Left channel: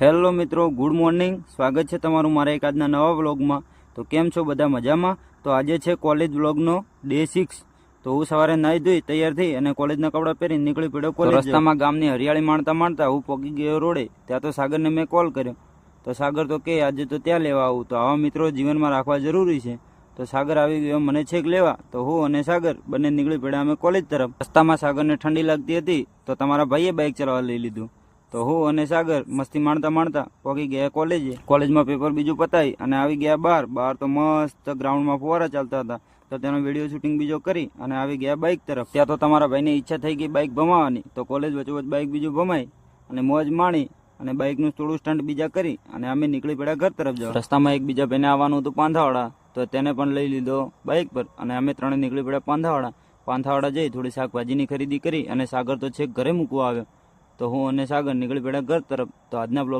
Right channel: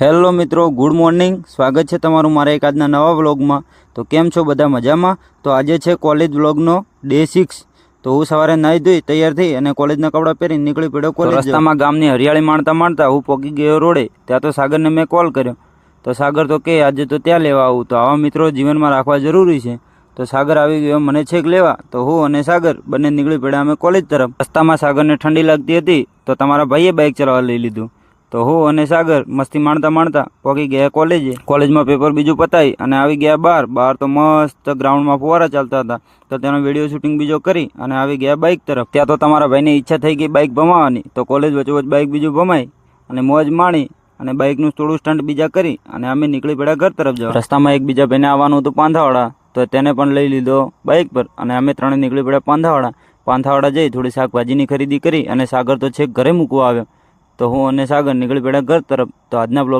Hello મિત્રો, good morning. સ્વાગત છે તમારું મારા એક આજના નવા વ્લોગમાં. તો કેમ છો બધા? મજામાં? તો આજે છે કોલેજ વ્લોગનો ડે 6. તો હું સવારે નાહી ધોઈ તૈયાર થઈ અને કોલેજના કપડાં પહેરીને નીકળી પડ્યો કોલેજ. રસ્તામાં ગામની હરિયાળી માણતા માણતા હું પહોંચી ગયો રોડે. ત્યાં તો સાગરને મેં કોલ કર્યો. તો સાગર તો કે આજે તો ત્યાં લેવા આવું. તો આવા મિત્રો જીવનમાં રાખવા જરૂરી છે. તો સાગર આવી ગયો મને છેક લેવા. તો હું અને સાગર બંને નીકળી પડ્યા અમે કોલેજ તરફ. રસ્તામાં સાગરને ઠંડી લાગતી હતી તો તમારા ભાઈએ બાઇક ચલાવવા લઈ લીધું. તો હું અને સાગર મસ્તી માણતા માણતા પહોંચી ગયા કોલેજે. કોલેજમાં પેપર બીજું પતાવી અને આવી ગયા બહાર તો મસ્ત ગ્રાઉન્ડમાં ફુવારા ચાલતા હતા. તો તેનો વિડીયો શૂટિંગ બીજો કરી અને આવી ગયા બાઇક તરફ. ત્યાં તો તમારા ભાઈની ઈચ્છા થઈ ગઈ બાઇક ભમાવાની. તો કોલેજ વચ્ચોવચ બાઇક બીજું ભમાઈ અને મોજ માણી અને બાઇકનું થોડું સ્ટન્ટ બીજા કરી અને અમે નીકળી પડ્યા ઘર તરફ જવા. રસ્તામાં એક બીજા ભાઈને આવવાનું હતું પાંધાવાડા. તો તેને પણ લઈ લીધો બાઇક પર અને અમે ત્રણે નીકળી પડ્યા પાંધાવાડા જઈ થોડી શાકભાજીની ખરીદી કરી અને સાગર તો છેક ઘરે મૂકવા આવ્યો. તો હું અને સાગર નીકળી પડ્યા ઘર તરફ. તો આજના બ્લોગ